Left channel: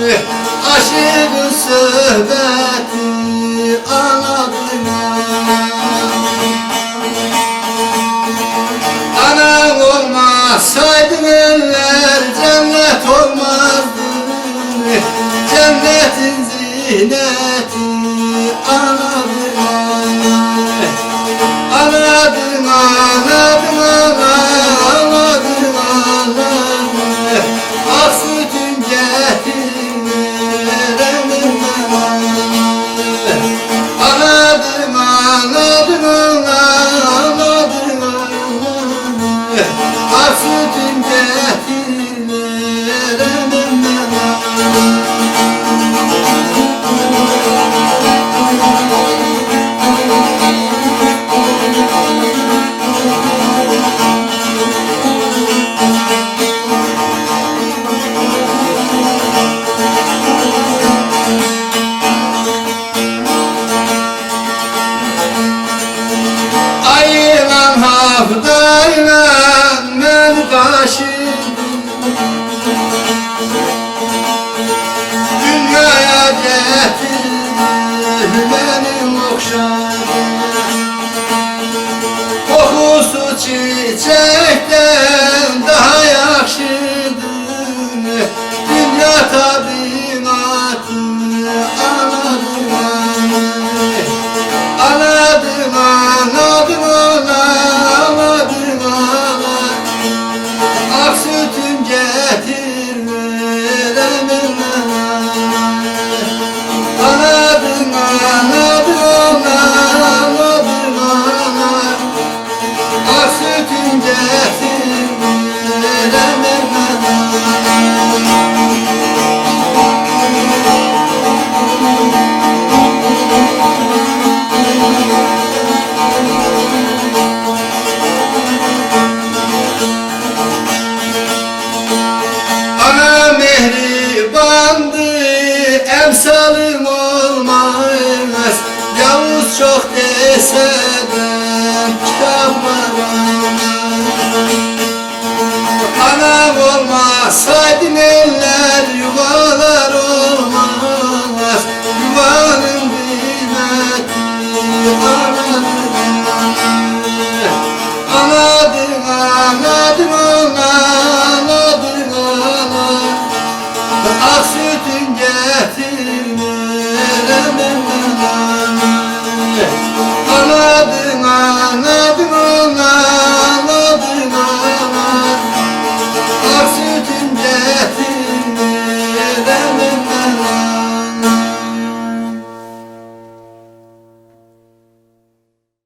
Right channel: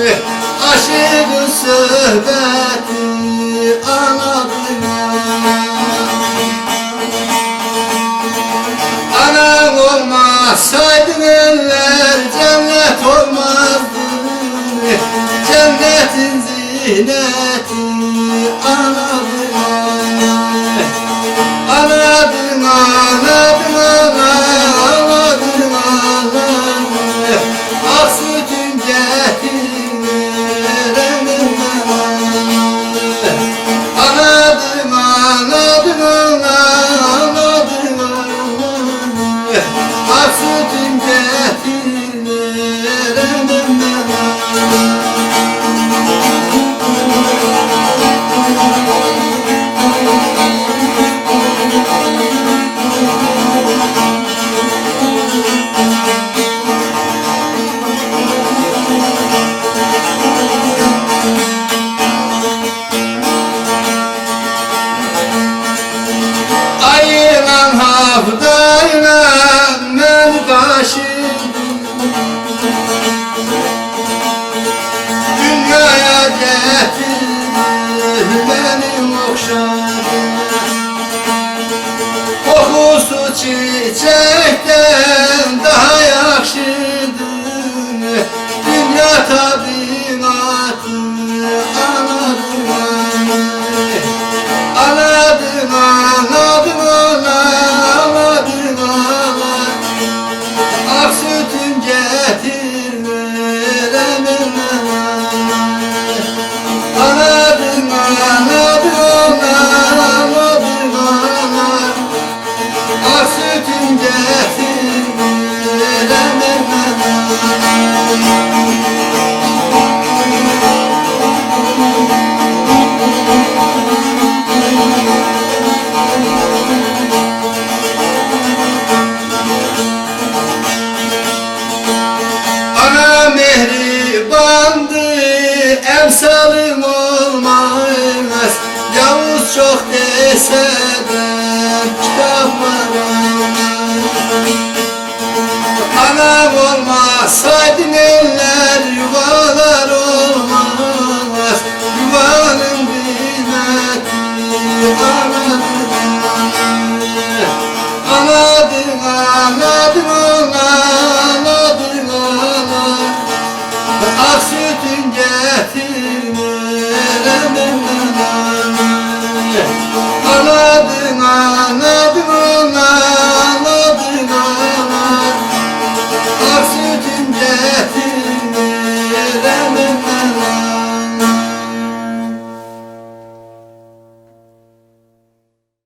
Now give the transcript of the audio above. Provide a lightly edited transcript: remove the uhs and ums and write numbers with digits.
Aşığın söhbeti anladım. Anam olmasaydı eller cennet olmazdı. Cennetin zineti anladım. Anladım, anladım, anladım, anladım. Ak sütüm getirmedim. Anladım, anladım, anladım, anladım. Ak sütüm getirmedim. Ayılan hafdayla ben taşıdım. Dünyaya getirdim benim okşadım. Kokusu çiçekten daha yakşıdır. Dünya tabiatı anladım, anladım, anladım, anladım, anladım. Ak sütüm getirmedim. Anladım, anladım, anladım, anladım. Ak sütüm getirmedim. Ana mehribandı, emsalım olmaz. Yavuz çok dese de kitaplar